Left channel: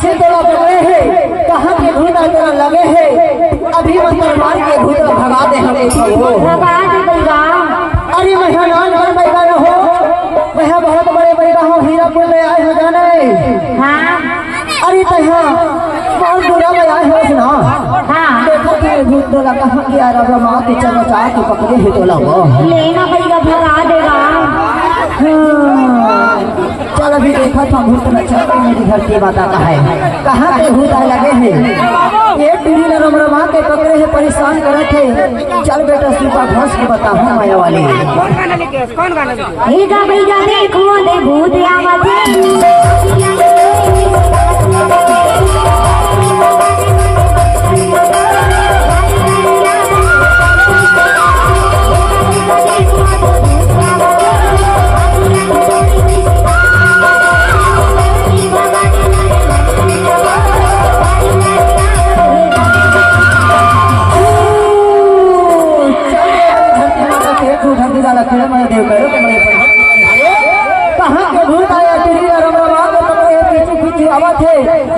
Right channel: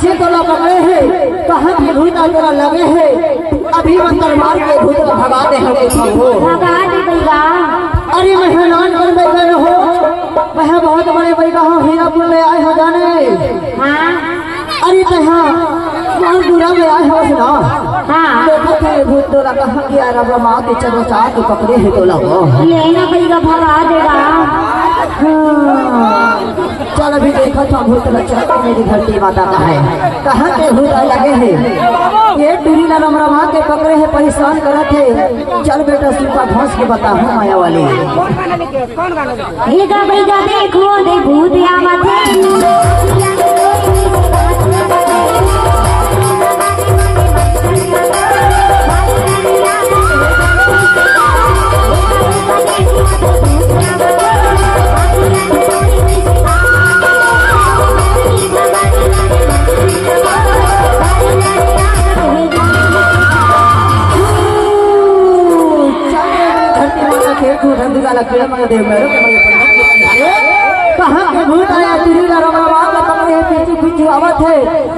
कैसे तोला पकड़े है, कहाँ के भूत तोला लगे है, अभी मंदिर मार के भूत को भगा दे हमें भगा दे भैया। अरे मेहमान बन बैठा न हो, वह बहुत बड़े बैठा हो, हीरापुर ले आए हो जाने। हाँ अरे तहाँ बहुत बुरा में आए हो सुना। हाँ देखो फिर भूत तोला कहाँ गया, रबा माँ के चलो चाह के पकड़े है तोला वो। ये ना भैया भगा देगा। चल अभी देखो तो भूत बच्चा मेरी धरती माता का है, कहाँ पे भूत लगे हैं, ये टूरी रमा के पकड़े है, परेशान करे थे। चल बेटा सुपा घोष के बता हूँ माया वाली कौन गाना भैया देखो दे भूत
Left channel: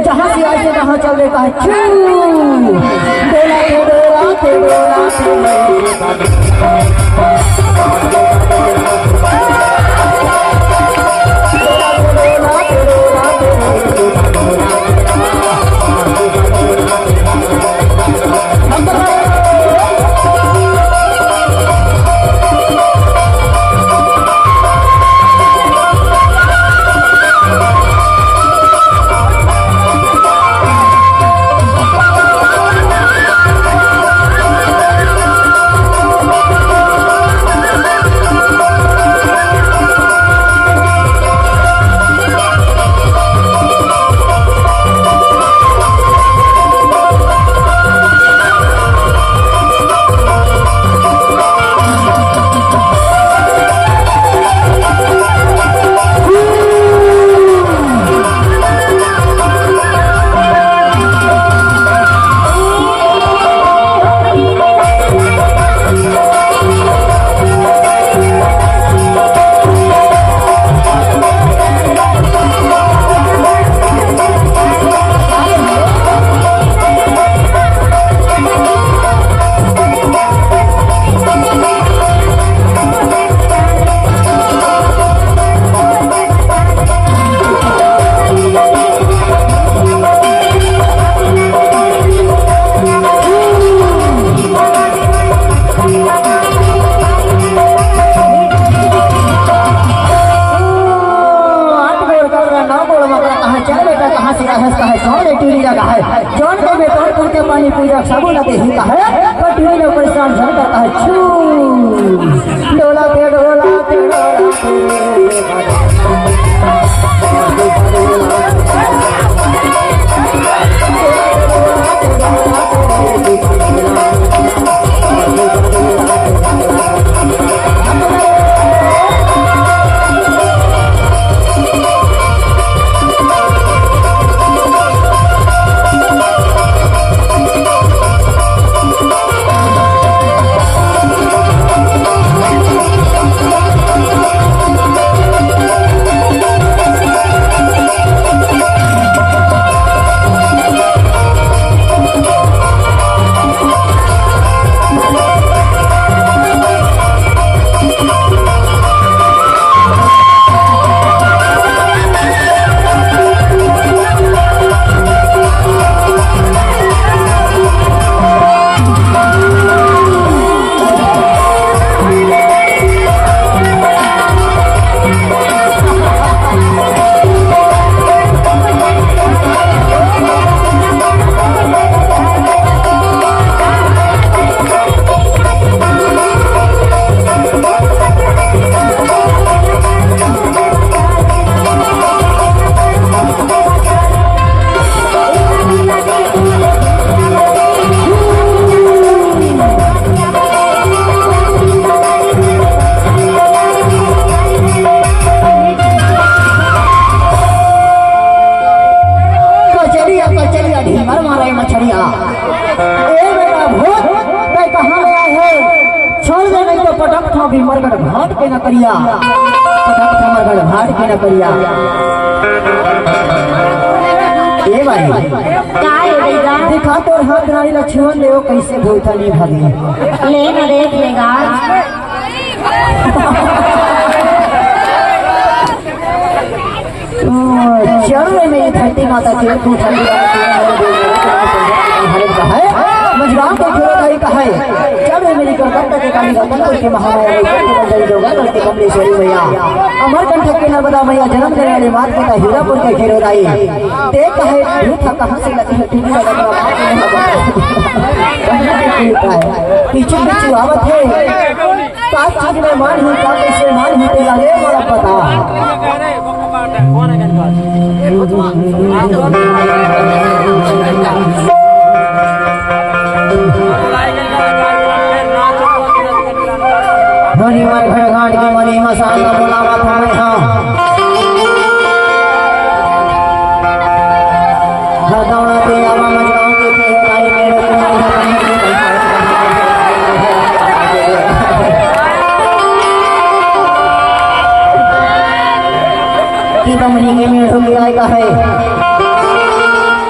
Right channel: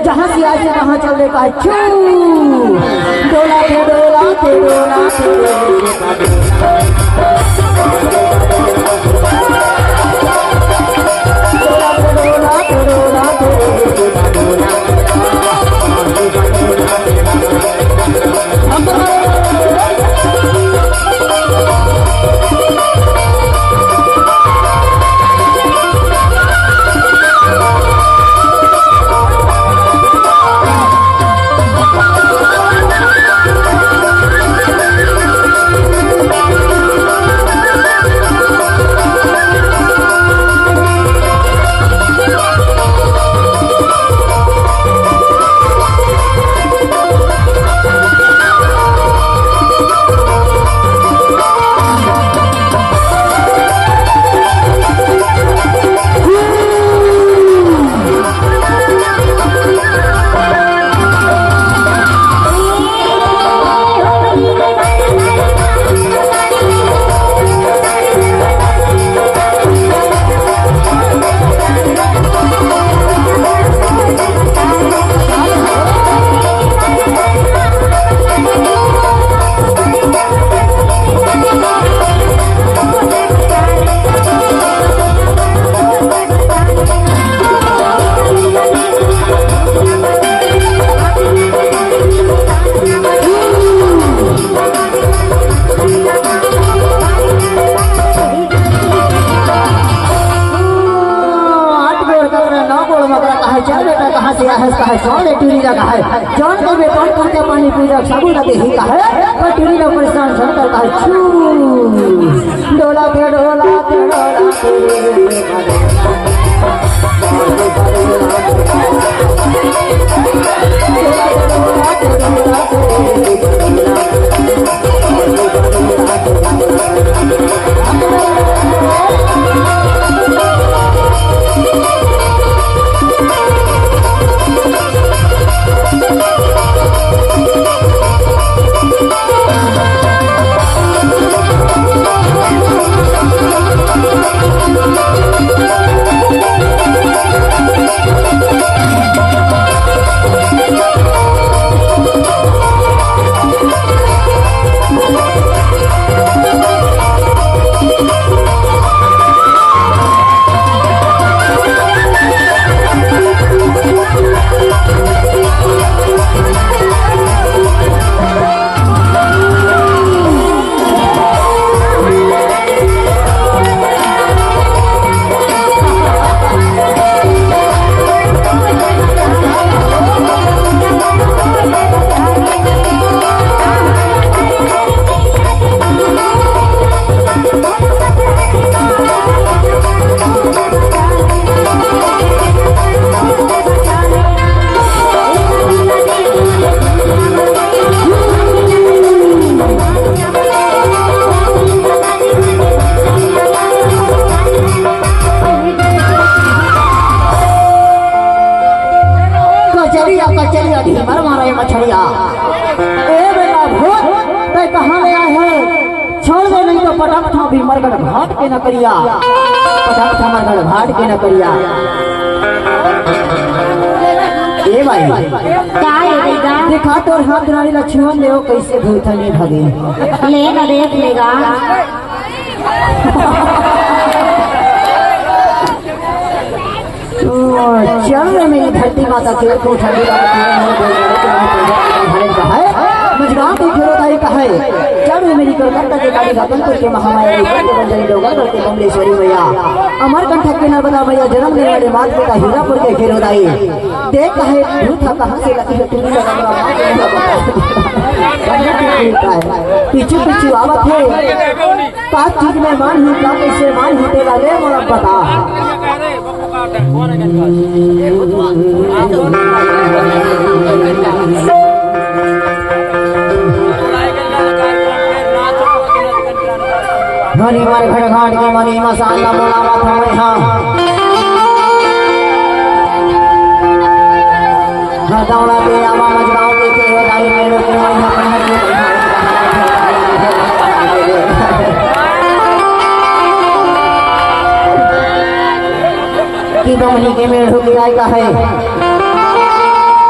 जहाँ से आए वहाँ चल देता है। डोला थे डोला थे डोला थे पानी पी रहा साबुन लगे ही का है, पर टूरी लोग परेशान झड़ करता है। छू डोला दे डोला दे चलिए ढीमर मारे मछलिया। ए बेटा भूत मैं कहाँ आया है, छोड़ दे नहीं तो पटक था भी मरगट घाट के न करिया, पटक था मरगट घाट के न करिया। ए ए भाई का ले देगा देखा तोर हाथ नारी लक्ष्मण देव कैसे भूखा नहीं भागे लेगा देख लेगा चल रे मेरी धरती माता के भूखा मजबान तो खेरोदारी का है चल रे मेरी कोलकाता के काली रतनपुर के महामाया के जोगनगढ़ के कमलेश्वरी मैया अमरकंटक के नर्मदा मैया जन्म लेने वाली मात पिता हीरापुर के खेरोदाई देख है भूखा कहाँ से लगी है ठीक से लग रहा पीछे पीछे आवत है का चीज में मान ही का कैसे मान ही पे वाले मोरा पता धनीवार भेड़घाट की मनी मसाला बोलावा था हरदौड़ा पे आवा मजगांव के केवलाई में की बमनी के में हो गया का है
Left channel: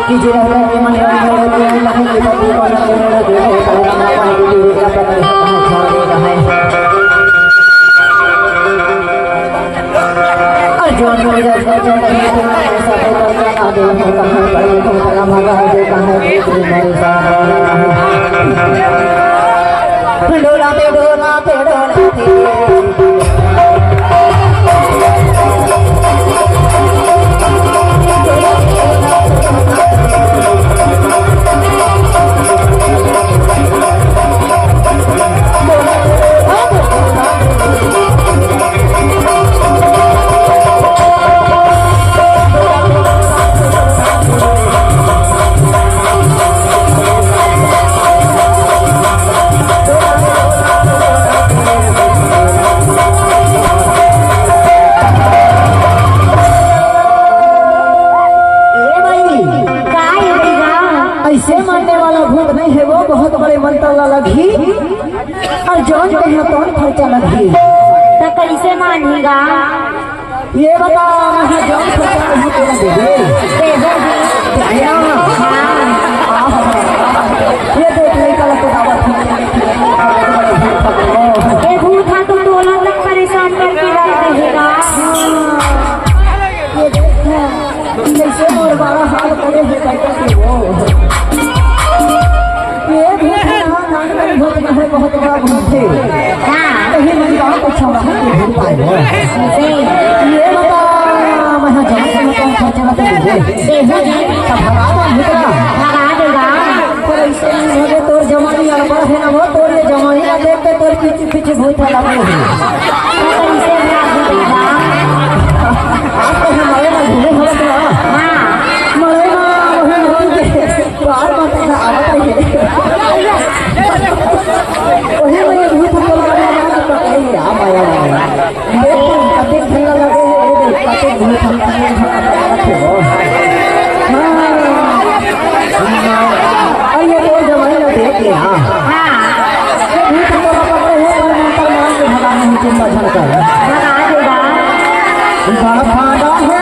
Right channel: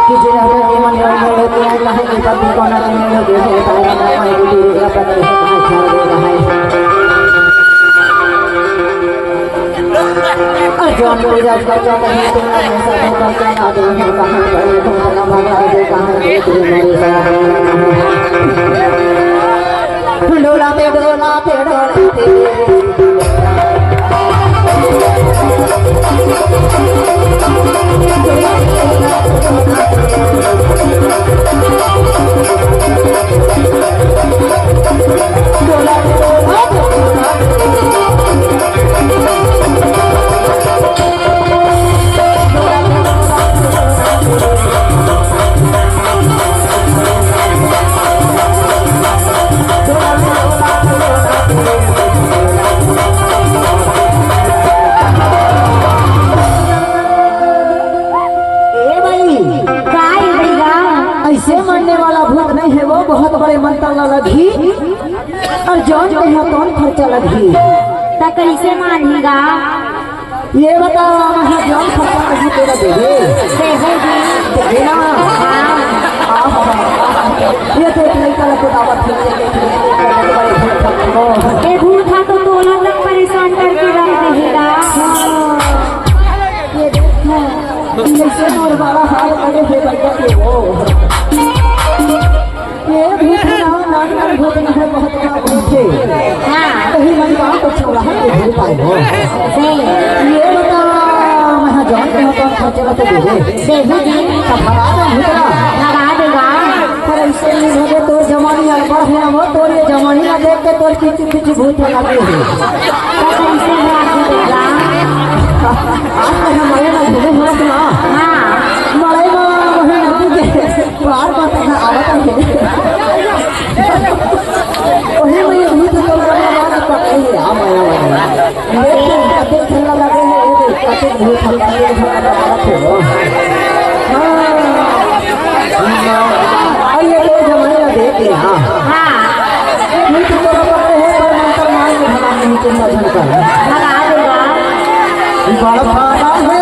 कि जिला हुआ के मन में हो गया है कि पति का मन में देखे तो जवान मेरे जब का क्या नहीं तो ऐसा होता क्या ना दे मैं कहां गए तुम्हारा मगा दे कहां दे मेरे साथ डोलाते डोलाते ऐसे मारने वाला भूत नहीं है वो बहुत बड़े मंत्र वाला घी और जौन के यहाँ कौन खर्चा लगी तो कैसे मानेगा ये बता मैं जौन खर्चा नहीं तेरा दे ये देख नहीं कर ये भूखा तो दोनों को परेशान करके रख देगा ये देखो कैसे मोर बारा हाल करे है वो ये भूखा नागराज भूत है बहुत बड़ा भूत है कहीं मन गाँव को छावा है ये भूत है ये बता मैं जान के कौन खर्चा ना दे लगा देगा पर ऐसे नहीं हो तोर जमानी लड़का है ना वो तोर ये जमानी ना देख के तोर पीछे पीछे भूत लगा है तो कैसे आज तो हमारे ना भूले हो ना हमारे ना वही नदी के बाहर का तक आया है वही मैं ये भूत है पता ही राम आया है लेकिन कभी ठंडा लगे है कभी भूत ठंडा लगे है आइए तो जमाने में देख लिया भूत है तो मान के भला नहीं चिंता झलका बड़ा फायदा है